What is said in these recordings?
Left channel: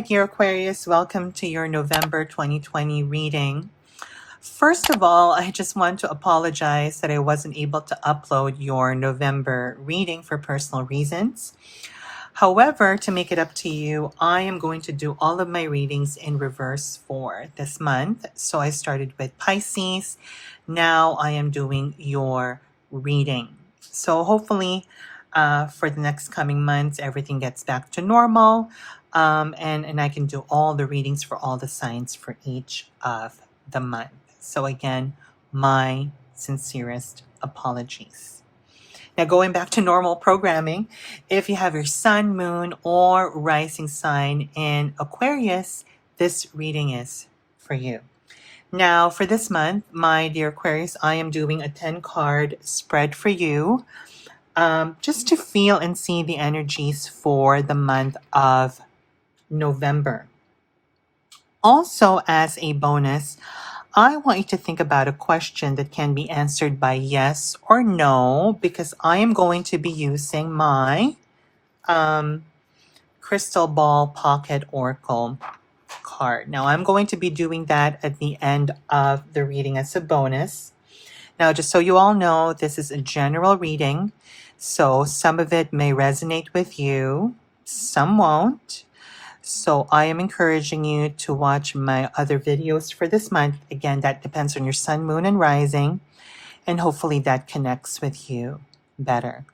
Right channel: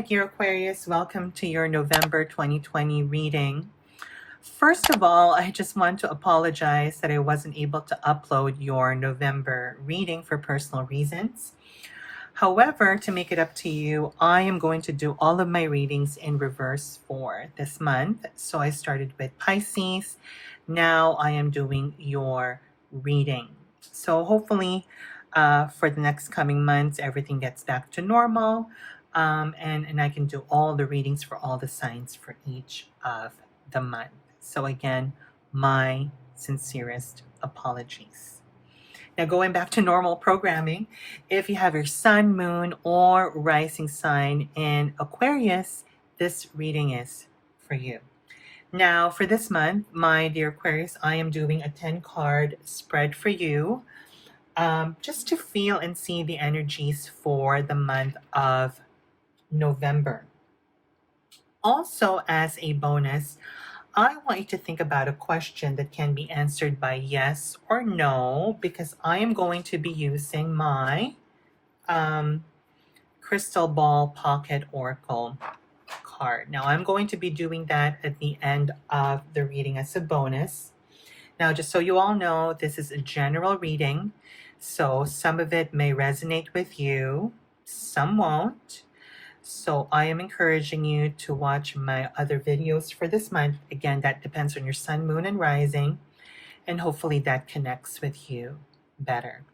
my dear Aquarius. Welcome to your November 2020 reading. First of all, I just want to apologize that I wasn't able to upload your November reading for personal reasons. However, to make it up to you, I am going to do all of my readings in reverse for this month. So I started with Pisces. Now I am doing your reading. So hopefully, for the next coming months, everything gets back to normal. And I can do all the readings for all the signs for each of the month. So again, my sincerest apologies. Now, going back to normal programming, if you have your sun, moon, or rising sign in Aquarius, this reading is for you. Now, for this month, my dear Aquarius, I am doing a 10-card spread for you, just to feel and see the energies for the month of November. Also, as a bonus, I want you to think about a question that can be answered by yes or no, because I am going to be using my Crystal Ball Pocket Oracle card. Now, I'm going to be doing that at the end of the reading as a bonus. Now, just so you all know, this is a general reading, so some of it may resonate with you, some won't. So I am encouraging you to watch my other videos for this month. Again, that depends on your sun, moon, and rising, and hopefully that connects with you better.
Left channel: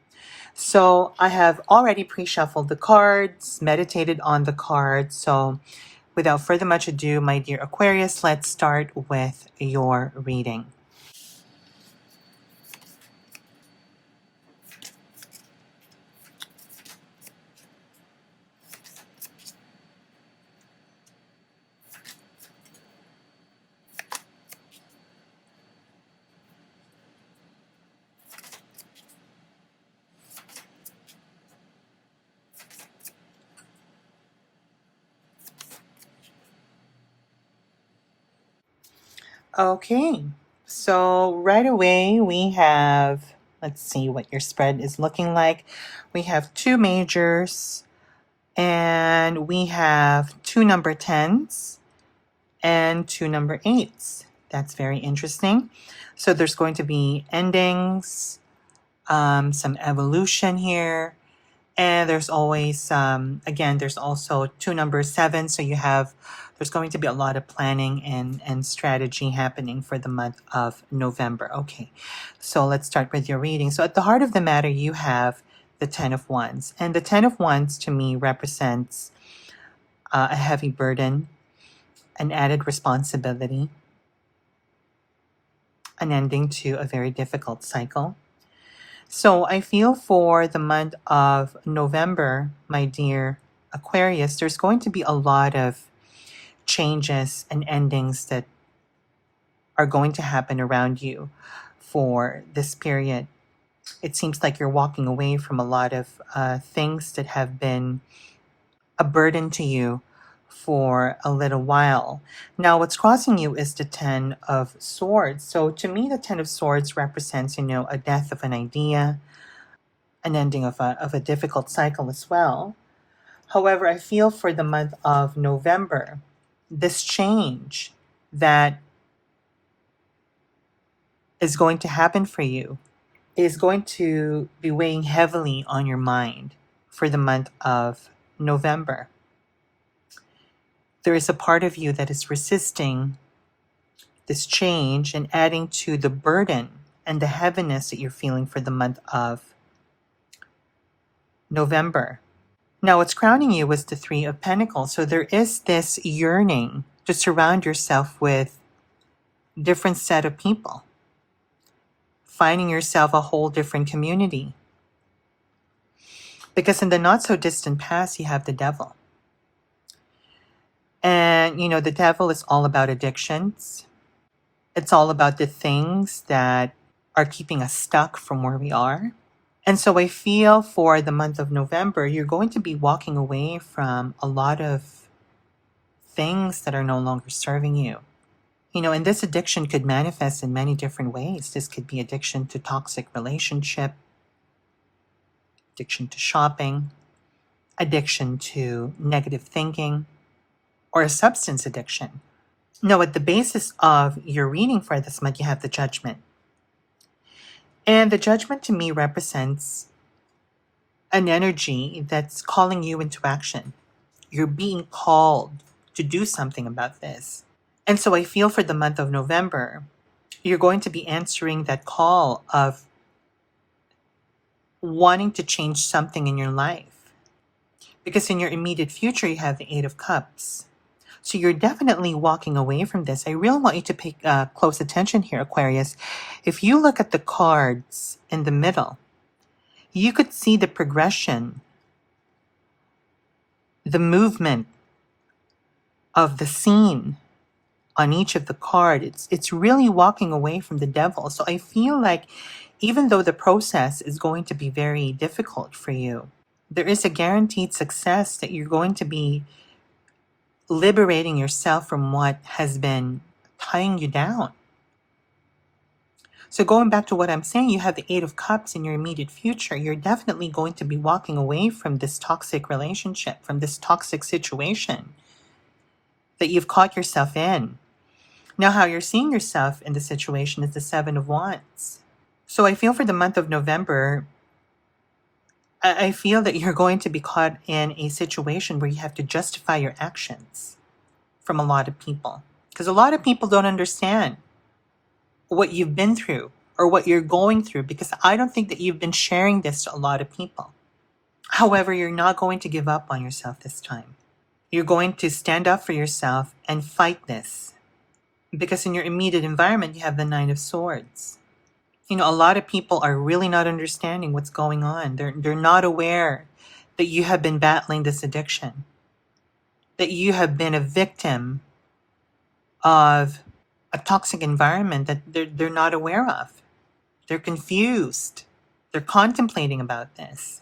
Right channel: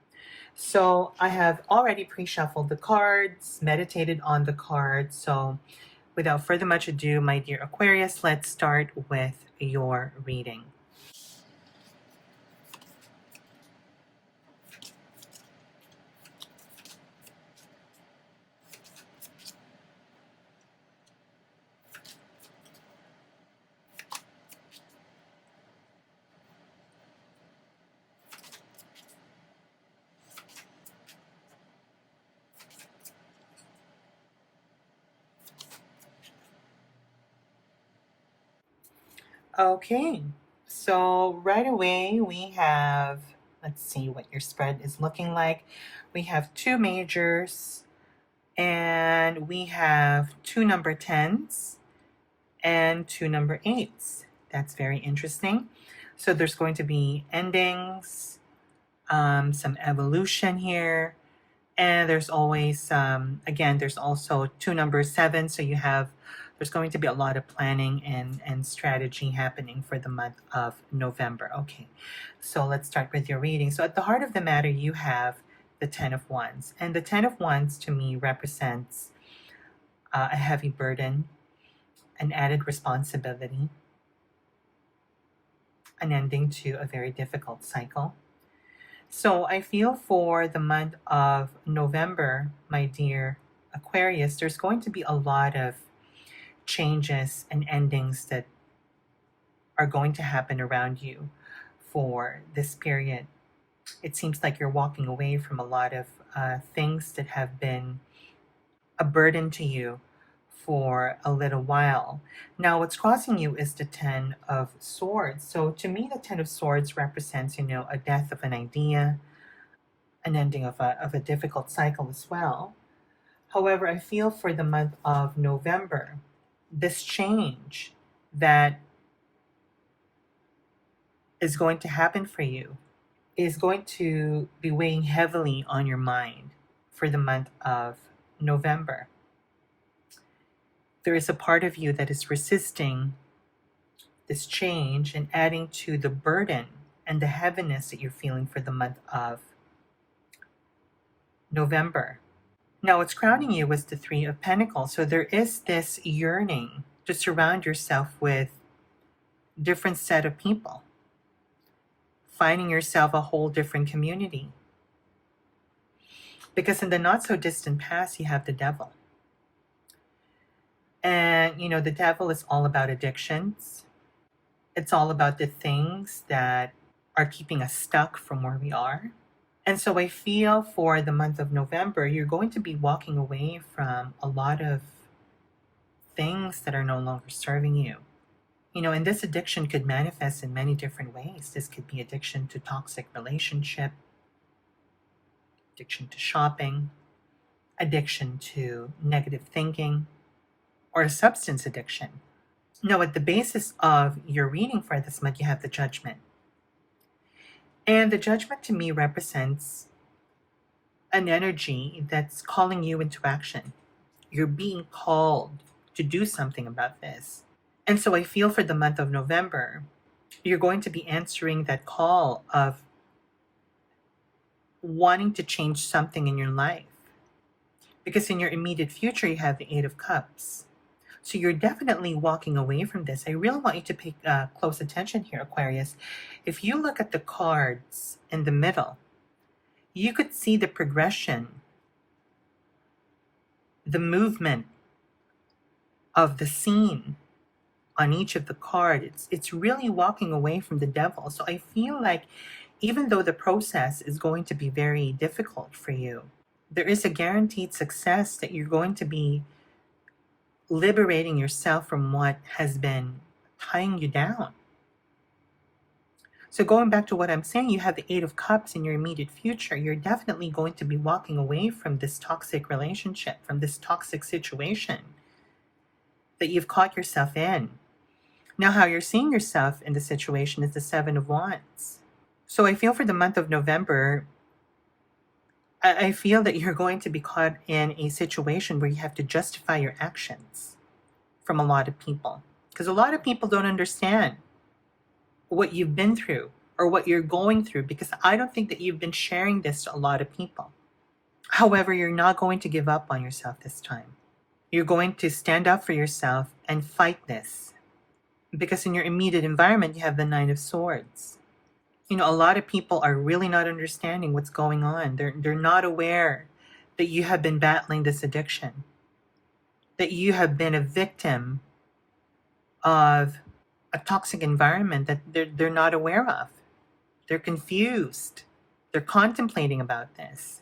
So I have already pre-shuffled the cards, meditated on the cards. So without further much ado, my dear Aquarius, let's start with your reading. Okay, so right away we have, let's see what your spread is looking like. We have two majors, and we have two number 10s and two number 8s. That's very interesting. So there's going to be endings, some evolution here. And there's always, again, there's also two number 7. So there's going to be a lot of planning and strategy happening for the month of November. Okay, so let's start with your reading. So at the heart of the matter, you have the 10 of Wands. And the 10 of Wands to me represents a heavy burden, an added responsibility, an ending to a very difficult cycle. So I feel for the month of November, my dear Aquarius, there's going to be a lot of changes and endings that are going to happen around you for this period. It seems like you're walking away from a lot of things that have been a burden to you for a little while. Now, what's crossing you is the 10 of Swords. So to me, the 10 of Swords represents, a death of an idea, an ending of a difficult cycle as well. However, I feel for the month of November, this change that is going to happen for you is going to be weighing heavily on your mind for the month of November. There is a part of you that is resisting this change and adding to the burden and the heaviness that you're feeling for the month of November. Now, what's crowning you was the 3 of Pentacles. So there is this yearning to surround yourself with different set of people, finding yourself a whole different community. Because in the not so distant past, you have the devil. And, the devil is all about addictions. It's all about the things that are keeping us stuck from where we are. And so I feel for the month of November, you're going to be walking away from a lot of things that are no longer serving you. And this addiction could manifest in many different ways. This could be addiction to toxic relationship, addiction to shopping, addiction to negative thinking, or a substance addiction. Now, at the basis of your reading for this month, you have the Judgment. And the Judgment to me represents an energy that's calling you into action. You're being called to do something about this. And so I feel for the month of November, you're going to be answering that call of wanting to change something in your life. Because in your immediate future, you have the Eight of Cups. So you're definitely walking away from this. I really want you to pay close attention here, Aquarius. If you look at the cards in the middle, you could see the progression, the movement of the scene on each of the card. It's really walking away from the devil. So I feel like even though the process is going to be very difficult for you, there is a guaranteed success that you're going to be liberating yourself from what has been tying you down. So going back to what I'm saying, you have the Eight of Cups in your immediate future. You're definitely going to be walking away from this toxic relationship, from this toxic situation that you've caught yourself in. Now, how you're seeing yourself in the situation is the Seven of Wands. So I feel for the month of November, I feel that you're going to be caught in a situation where you have to justify your actions from a lot of people. Because a lot of people don't understand what you've been through or what you're going through, because I don't think that you've been sharing this to a lot of people. However, you're not going to give up on yourself this time. You're going to stand up for yourself and fight this. Because in your immediate environment, you have the Nine of Swords. You know, a lot of people are really not understanding what's going on. They're not aware that you have been battling this addiction, that you have been a victim of a toxic environment that they're not aware of. They're confused. They're contemplating about this.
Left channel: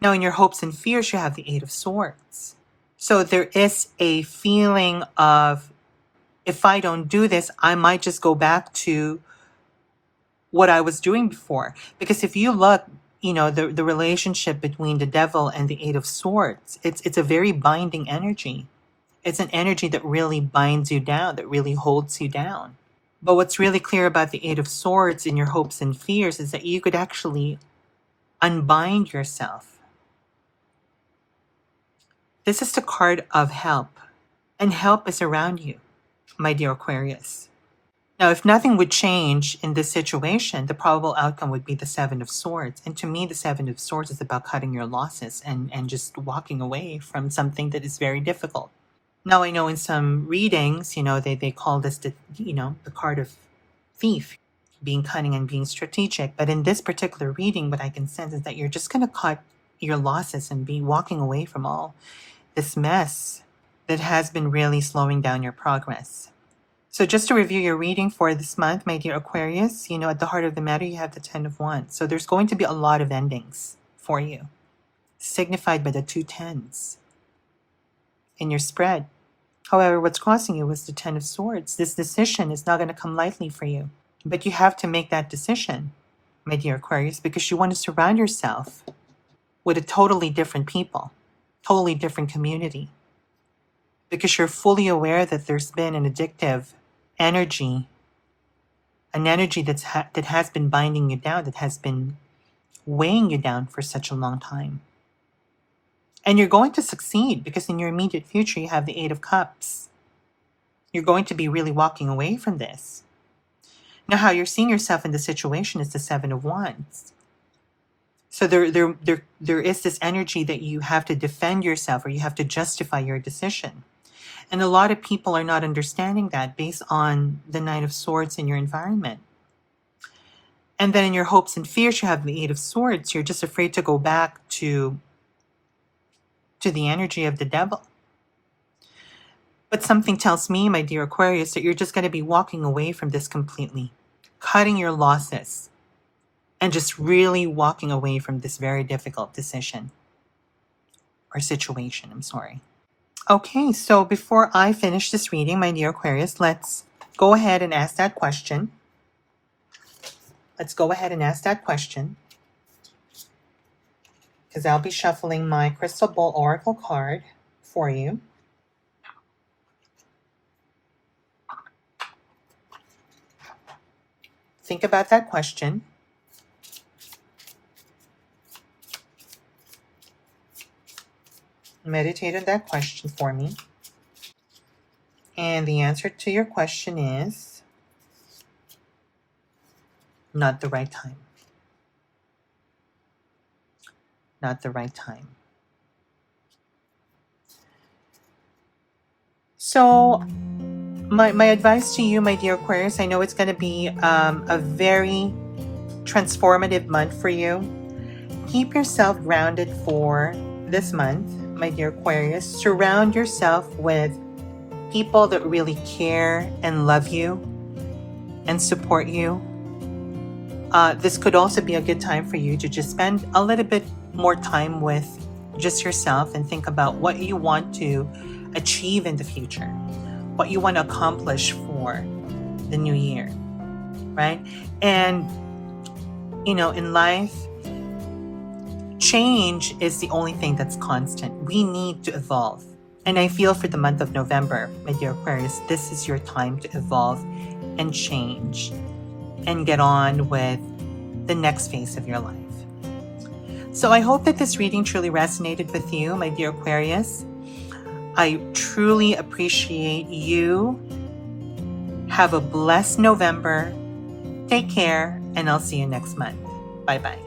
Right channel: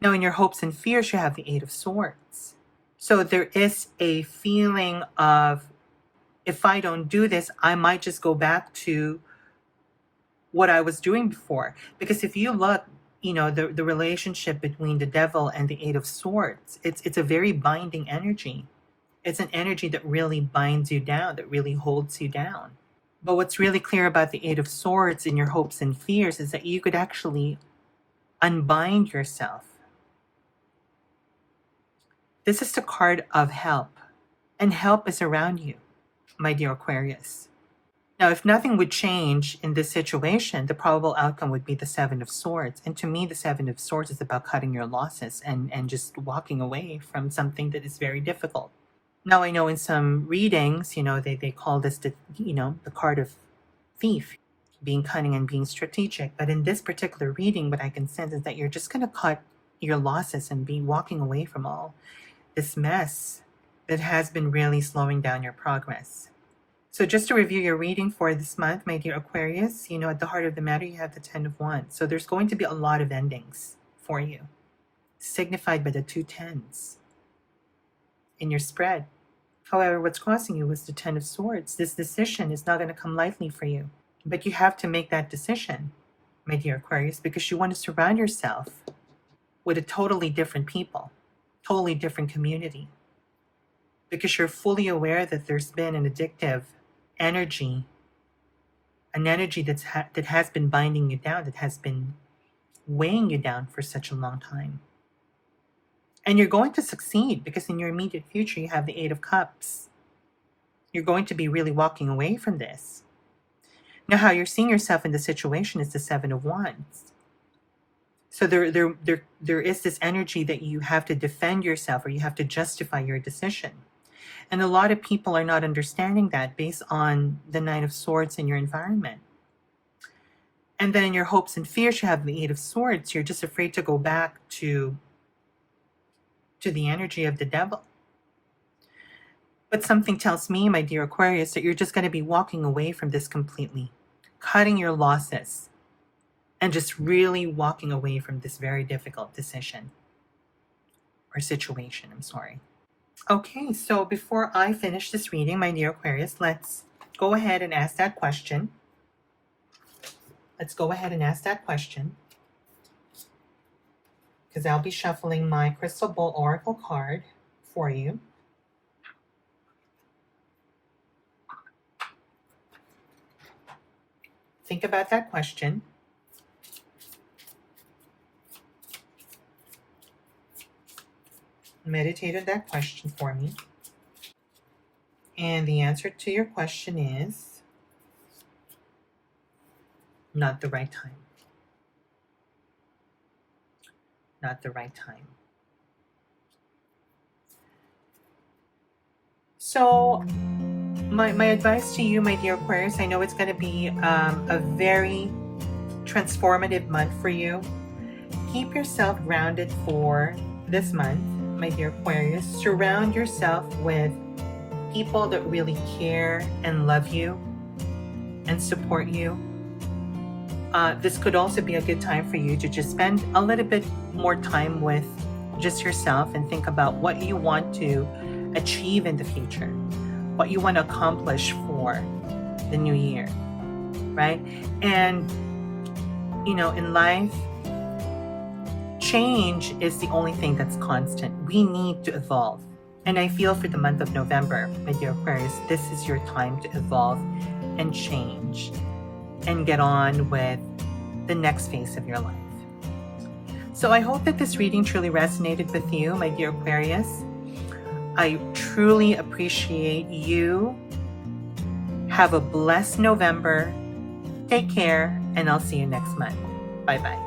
Now, in your hopes and fears, you have the Eight of Swords. So there is a feeling of, if I don't do this, I might just go back to what I was doing before. Because if you look, you know, the relationship between the devil and the Eight of Swords, it's a very binding energy. It's an energy that really binds you down, that really holds you down. But what's really clear about the Eight of Swords in your hopes and fears is that you could actually unbind yourself. This is the card of help, and help is around you, my dear Aquarius. Now, if nothing would change in this situation, the probable outcome would be the Seven of Swords. And to me, the Seven of Swords is about cutting your losses and just walking away from something that is very difficult. Now, I know in some readings, you know, they call this the card of thief, being cunning and being strategic. But in this particular reading, what I can sense is that you're just going to cut your losses and be walking away from all this mess that has been really slowing down your progress. So just to review your reading for this month, my dear Aquarius, you know, at the heart of the matter, you have the Ten of Wands. So there's going to be a lot of endings for you, signified by the two tens in your spread. However, what's crossing you was the Ten of Swords. This decision is not going to come lightly for you. But you have to make that decision, my dear Aquarius, because you want to surround yourself with a totally different people, totally different community. Because you're fully aware that there's been an addictive energy, an energy that has been binding you down, that has been weighing you down for such a long time. And you're going to succeed because in your immediate future, you have the Eight of Cups. You're going to be really walking away from this. Now, how you're seeing yourself in the situation is the Seven of Wands. So there is this energy that you have to defend yourself, or you have to justify your decision. And a lot of people are not understanding that based on the Nine of Swords in your environment. And then in your hopes and fears, you have the Eight of Swords. You're just afraid to go back to the energy of the devil. But something tells me, my dear Aquarius, that you're just going to be walking away from this completely, cutting your losses, and just really walking away from this very difficult decision or situation. I'm sorry. Okay, so before I finish this reading, my dear Aquarius, let's go ahead and ask that question. Let's go ahead and ask that question, because I'll be shuffling my Crystal Ball Oracle card for you. think about that question. Meditate on that question for me. And the answer to your question is not the right time. Not the right time. So, my advice to you, my dear Aquarius, I know it's going to be a very transformative month for you. Keep yourself grounded for this month, my dear Aquarius. Surround yourself with people that really care and love you and support you. This could also be a good time for you to just spend a little bit more time with just yourself and think about what you want to achieve in the future, what you want to accomplish for the new year, right? And, in life, change is the only thing that's constant. We need to evolve. And I feel for the month of November, my dear Aquarius, this is your time to evolve and change and get on with the next phase of your life. So I hope that this reading truly resonated with you, my dear Aquarius. I truly appreciate you. Have a blessed November. Take care, and I'll see you next month. Bye-bye.